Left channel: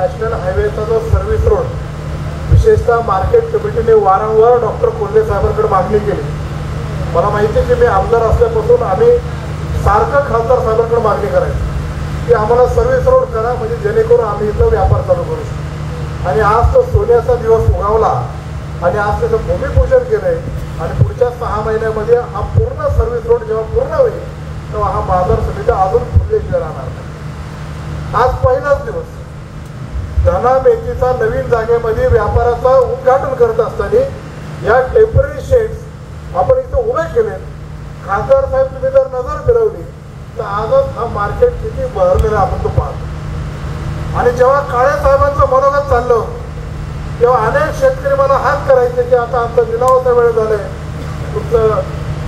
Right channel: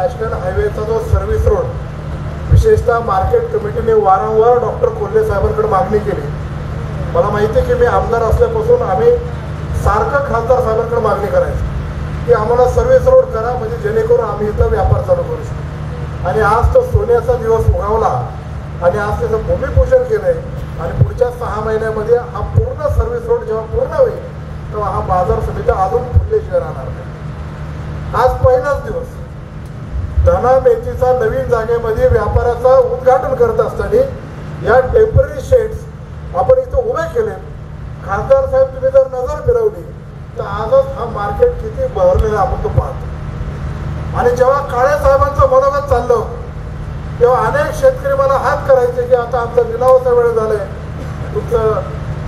National हायवेचा जो service road विशेषतः market कमिटीने वारंवार डॉक्टर कोल्हे साहेबांकडे मागणी केली. मला माहिती आहे की मी आमदार असल्यापासून आम्ही सारखं खासदार साहेबांकडे मागणी करायची की आम्हाला सर्व्हिस रोड करा, म्हणजे जेणेकरून आम्ही इथं व्यापार चालू करू शकतो. आणि आज तो सोन्याचा दिवस उगवला आणि आज त्याचं भूमिपूजन केलंय आणि पुढच्या 6 महिन्यामध्ये हा पूर्ण सर्व्हिस रोड जेव्हा पूर्ण होईल तेव्हा हा बाजार समिती अजून फुलल्याशिवाय राहणार नाही. आज पहिलाच दिवस धना मेथीचा नवीन जागेमध्ये व्यापाराचा उद्घाटन करत असताना या टेम्पररी शेड्स आपण इथं उभे केले. खासदार साहेब तुम्ही जर नजर फिरवली तर आजच हा मार्केट किती बहरलेला आपण तो पाहतो. आणि जेव्हा काळ्या साहेबांचं मनोगत चाललं तेव्हा अनेक शेतकरी मला हात करायचे की आता आमचा लिलावाचा वेळ झालाय, तुमचं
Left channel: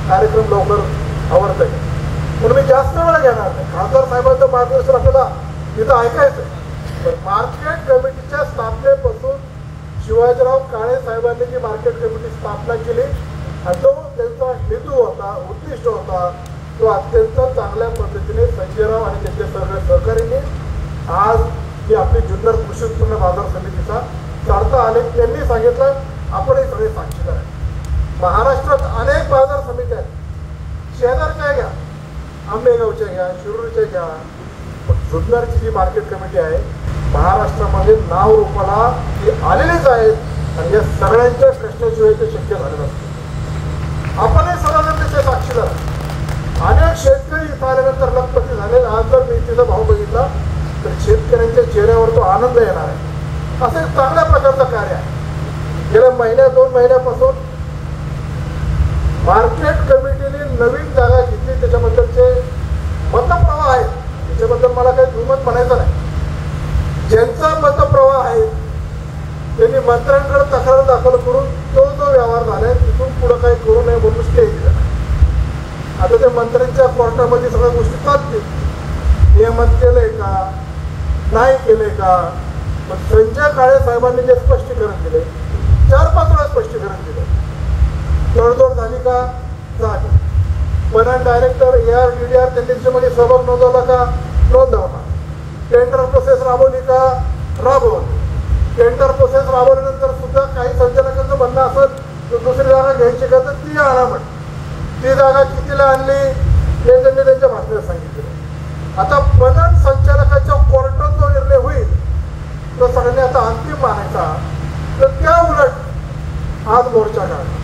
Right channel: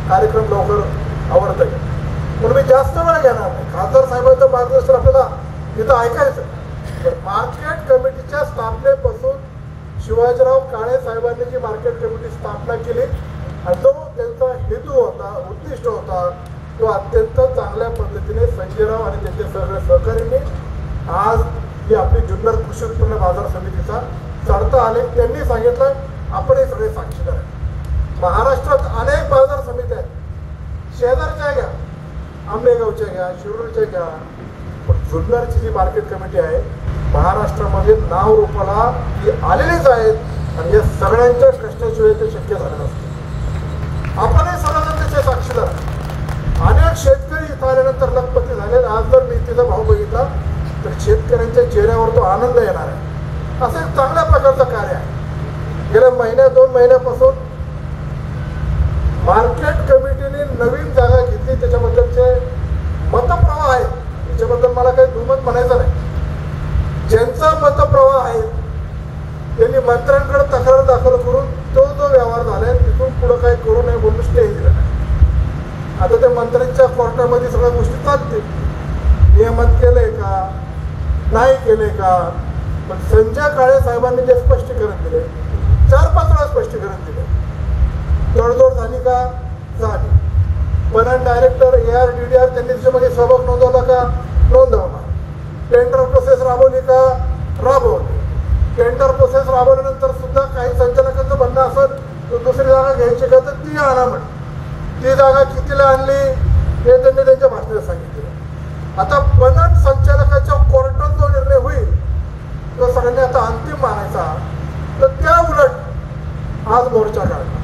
कार्यक्रम लवकर आवडतंय, म्हणून मी जास्त वेळ घेणार नाही. खासदार साहेबांचं मार्गदर्शन आपल्याला इथं ऐकायचं. मार्केट कमिटीच्या स्थापनेपासून शिवाजीराव काळे साहेबांनी जी मार्केट कमिटी स्थापना केली आणि जो त्यांचा हेतू होता, उद्दिष्ट होता, तो अत्यंत चांगल्या पद्धतीने संजयराव आणि त्यांच्या सर्व सहकार्यांनी आज ही आपली जुन्नर कृषी उत्पन्न बाजार समितीचा चालता आले. त्यांनी सांगितलं, आपणही सगळे साक्षीदार आहे. महाराष्ट्रात अनेक बाजार समित्या आहेत, शेजारच्या घ्या, आंबेगावच्या घ्या, शिरूरच्या घ्या, जुन्नरची जी मार्केट कमिटी आहे महाराष्ट्रामध्ये नाव रूपाला ती आलेलीच आहेत आणि या सगळ्यांच्या प्रश्नाशिवाय ते शक्य झालं नसतं. आपणही सगळ्यांना त्याचे साक्षीदार. अनेक शेतकरी इथं आल्यानंतर लखपती झाले. आज जर मी तिचा भाव बघितला तर शेतकऱ्यांच्या चेहऱ्यावर तो आनंद येणार आहे. असे चांगल्या प्रकारचं कार्य आहे. गेल्या 2 महिन्यापासून मार्केट कमिटीने नवीन जागा घेतली, त्याच्याबद्दलचे मतप्रवाह आहेत, त्याच्याबद्दल मला काही दुमत म्हणायचं नाही. ज्यांचा मतप्रवाह आहे त्यांनी मंत्र्यांकडे तक्रार दाखल करून तो जो व्यवहार झालाय तिथून पुढे काही करू नये म्हणून स्टे दिला. आता त्या मंत्र्यांच्या कोर्टामध्ये सगळ्या गोष्टी चालतील. नियमन केलंय का, नाही केलंय का. संजय काळे साहेबांनी जे स्पष्टीकरण दिले, 4-5 वेळा स्पष्टीकरण दिलं. तडजोड झाली का, झाली. पण डायरेक्टर ARDDR त्यांनी त्याच्यामध्ये सहभाग नोंदवला का, नोंदवला. टेंडर प्रोसेस राबवली का, राबवली. टेंडर प्रोसेस राबवल्यानंतर सुद्धा काही संचालकांचं म्हणणं असेल तर दुसरी जागा घ्यायची का तर ती आणा म्हण. ती जागा कितीला आणली हे त्यांनी त्यांच्या भाषणात सांगितलं. आता पणन संचालकाच्या कोर्टात जो निर्णय होईल तो सगळ्यांनी आता अंतिम मानायचा. तर त्या उलट आज मोर्चा काढला.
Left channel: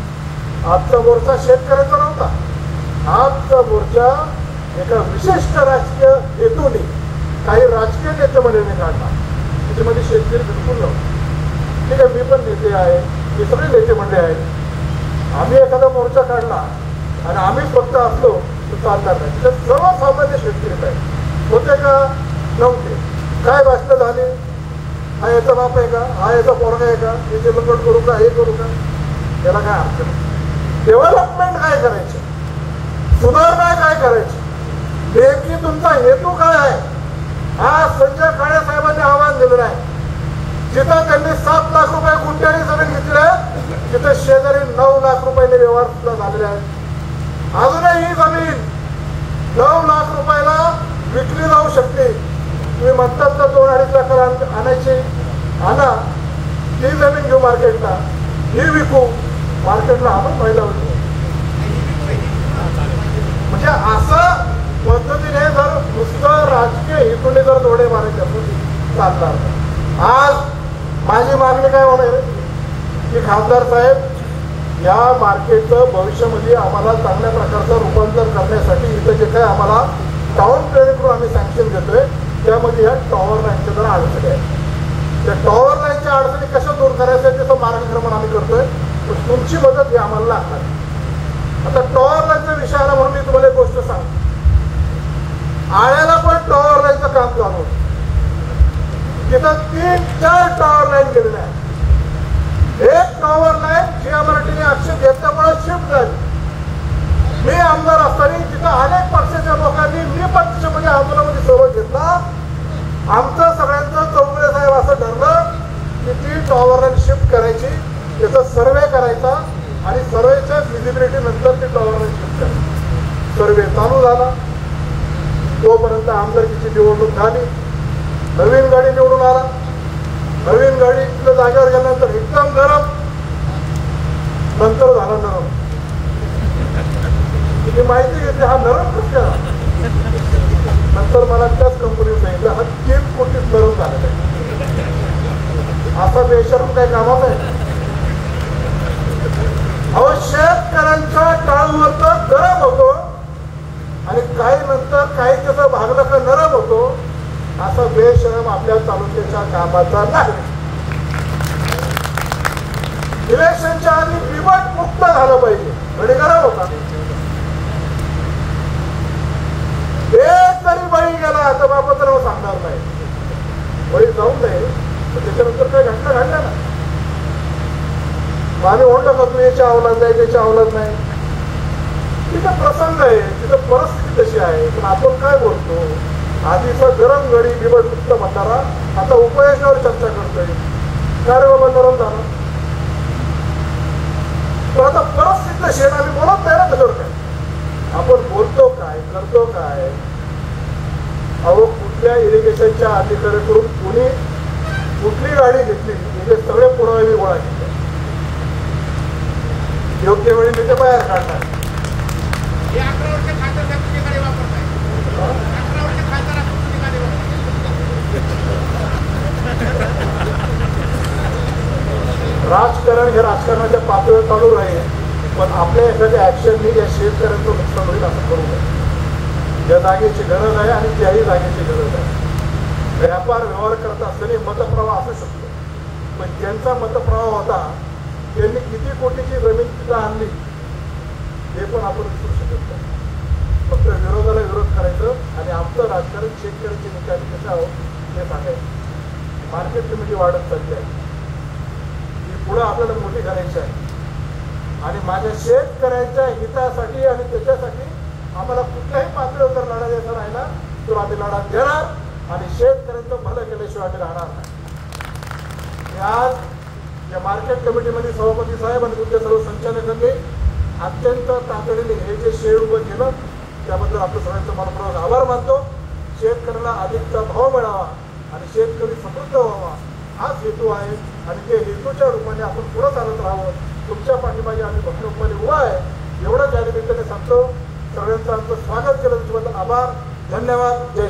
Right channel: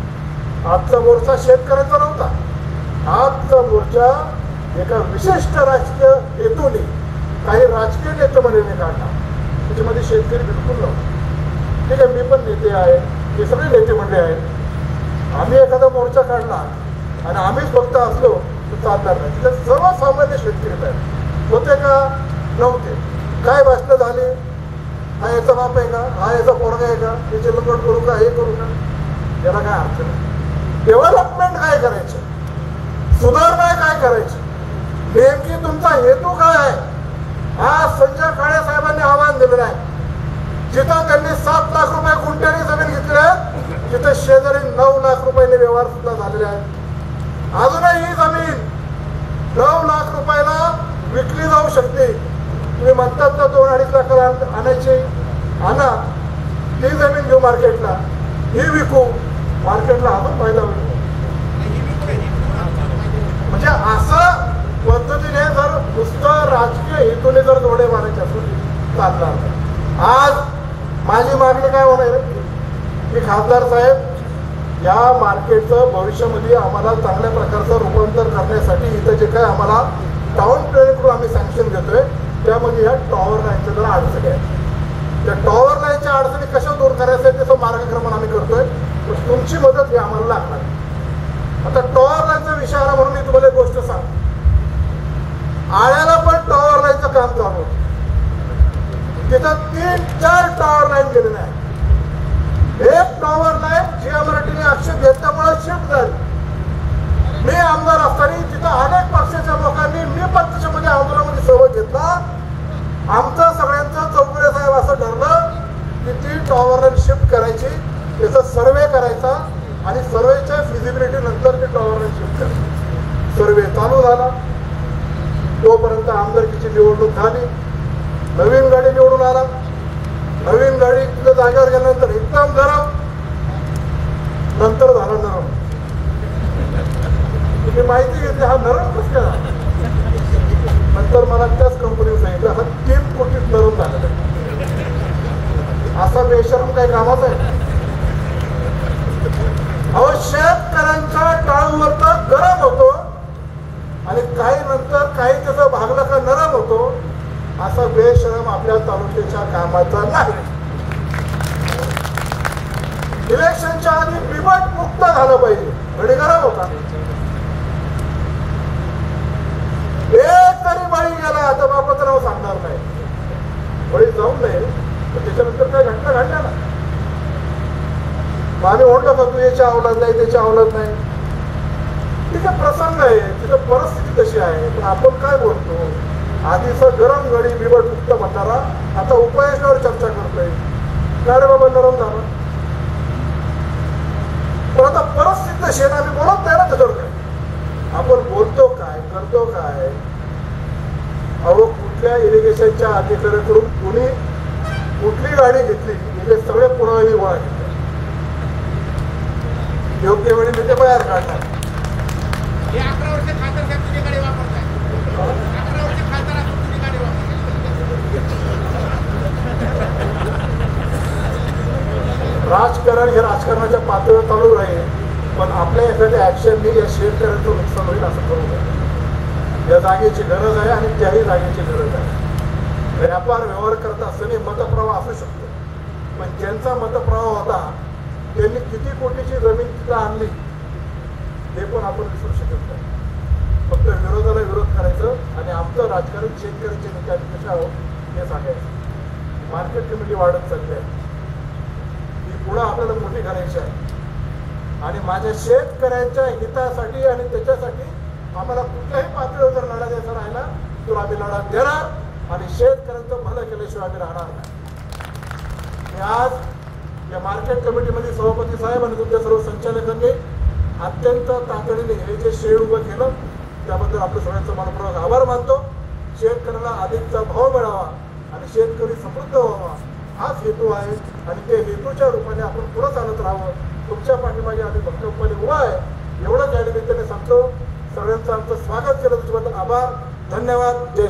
आजचा मोर्चा शेतकऱ्याचा नव्हता. आजचा मोर्चा एका विशिष्ट राजकीय हेतूने काही राजकीय नेते मंडळीने काढला. त्याच्यामध्ये शेतकरी बिलकुल नव्हते. ठीक आहे, मी पण नेते आहे, हे सगळे नेते मंडळी आहेत. आम्ही एखादा मोर्चा काढला आणि आम्हीच फक्त असलो तर चालणार नाही. तिथे सर्वसामान्य शेतकरी आहेत. होते का, नव्हते. काय भाषणं झाली, हा याचा बाप आहे का, हा याचा पोरगा आहे का, याचे नंबर करू का, हे करू का, याला काय अर्थ नाही. डेव्हलपमेंट काय करायची, सुधारणा काय करायची, नेमकी तुमचा हेतू काय आहे. आज संजय काळे साहेबांनी आवाहन दिलेलं आहे. जिथं त्यांनी 7 लाख रुपये गुंठ्याने जमीन घेतली आहे तिथं शेजारी 9 लाख रुपयाने व्यवहार सुद्धा झालेले आहेत. अजूनही ही जमीन 9 लाख रुपयाला विकली जाऊ शकते. तुम्ही म्हणतात ना 2-2.5 लाख आणायची, आणा. ती जमीन घेऊ मार्केटला, ही विकू मार्केटला, आपण फायदा होतो. म्हणजे असं पद्धतीने जर नुसतं राजकीय हेतूने जर जोडे मारायचे असेल चालणार. आज माझी मागणी काय होणार की खासदार साहेब या मार्केटचं भविष्यामध्ये आम्हाला चांगल्या प्रकारचं रूपांतर करण्यासाठी इथं जे काय आम्हाला टाउन प्लॅन करून आम्ही सँक्शन देतोय त्यामध्ये या टॉवर लाईनच्या जरा अडचणी आहेत. त्या टॉवर लाईनच्या अडचणी कशा दूर करायच्या त्याचं मार्गक्रमण आम्ही करतोय. तुमची मदत ही आम्हाला लागणार. आता टॉवर लाईनचा विषय आला म्हणून मी तुम्हाला एक गोष्ट सांगतो. आळ्याला पण टॉवर लाईनचं काम चालू होतं. तिथं 3-4 टॉवर लाईन गेलेल्या आहेत. एक टॉवर लाईन जीएमआरटीने आक्षेप घेतल्यामुळे शिफ्ट झाली. मी आमदार असताना तिथं अनेक पक्षाच्या लोकांनी मी पक्षामध्ये आंदोलनामध्ये सहभाग घेतला. आमचं सगळ्यांचं चौगुले साहेब असं ठरलं की ती टॉवर लाईन शिफ्ट करायची, त्याचा सर्वे करायचा आणि सर्वेच्या फिजिबिलिटी नंतर ती टॉवर लाईन शिफ्ट करायची. सर्वे चालू झाला. तोपर्यंत आमदारकीची निवडणूक झाली. नवीन गाडी निवडून आला. नवीन गाडी इथल्या जागेवर गेल्यानंतर एकदम गरम, नंतर झालं नरम. तुम्ही माहिती घेतली हा नरम कसं काय? नंतर मला त्याच कंपनीत सांगितलं हा 3 कोटीत नरम झाला. असा बेशरम काही कामाच आहे? अहो शेतकऱ्यांचा काळ नंतर गरम होतो आणि काही नंतर काही त्याचा भागला का नरम होतो. असा बेशरम आपल्या तालुक्याच्या कामाचा नाही. इलेक्शनच्या आधी बिबट मुक्त झालं पाहिजे आणि गरम होता. एक तरी बळी गेला आता बापाचं नाव सांगणार नाही. बळी जाऊन नाही त्याच्यानंतर काही घटना घडल्या ना. आम्ही म्हणलं का तू याच्या अवलाद नाही त्याच्या अवलाद नाही. तिथे प्रसंग आहे, तिथे परिस्थिती तशी आहे. आपण काय बोलतो, आधीचा गरम गडी बिबट मुक्त म्हणणारा आता उपयोजनावर चर्चा करतोय. काय रे बाबा नरम झाला. पण आता परिस्थिती तशी आहे, आम्ही बोलत नाही ना त्याच्यावर काय. आपण बोलतो काय, करतो काय. अहो कुठल्या इरिगेशनच्या अधिकाऱ्याकडून कुणी कुठली गाडी घेतली तिथे सगळे पुरावे गोळा केले. योग्य वेळी मी ते बाहेर काढणार. राजकारण हे राजकारणाच्या पातळीवर चालू राहील, पण आपल्या एखाद्या ऍक्शननी या शेतकऱ्यांचं नुकसान होईल असं करू. या जागेची गरज आहे आणि त्याही जागेची गरज आहे. व्यापार व्यवहार करत असताना मतप्रवाह असू शकतो, पण ज्यांचा मतप्रवाह होता त्यांनी किती कोटीची जमीन तिथं आणली हे पण आपण विसरू शकत नाही. फक्त विरोधाला विरोध करायचं आणि आमचं राजकारण शेतकऱ्यांची निकाल कशा आहोत हे सांगायचं. मार्केट कमिटी वाढत चालली आहे, ही पुढे आपल्याला मोठी करायची आहे. आणि माझ्या शेतकऱ्यांच्या हितासाठी आणि त्याच्यासाठी आम्हाला कुठल्याही पातळीवर जर लढा द्यायचा राहिला तर आम्ही लढा देणार आणि शेतकऱ्यांचं भलं केल्याशिवाय आम्ही राहणार नाही. आज या मार्केट कमिटीमध्ये सभापती साहेब आणि तुमच्या सर्व संचालकांनी अत्यंत तातडीने हे जे शेड उभं केलं त्याबद्दल आपल्या सर्वांचा मनपूर्वक आभार मानतो. शेतकऱ्याला अधिकचा भाव मिळावा आणि शेतकरी समृद्ध व्हावा हाच हेतू आहे आणि त्या हेतूच्या रूपाने आपण पुढे चालत राहावं. तुमच्या पाठीमागे आम्ही भावनेपणे उभा आहे एवढंच या निमित्ताने सांगतो. सगळ्यांचं आमचं स्वागत केलं त्याच्याबद्दल आभार. धन्यवाद. जय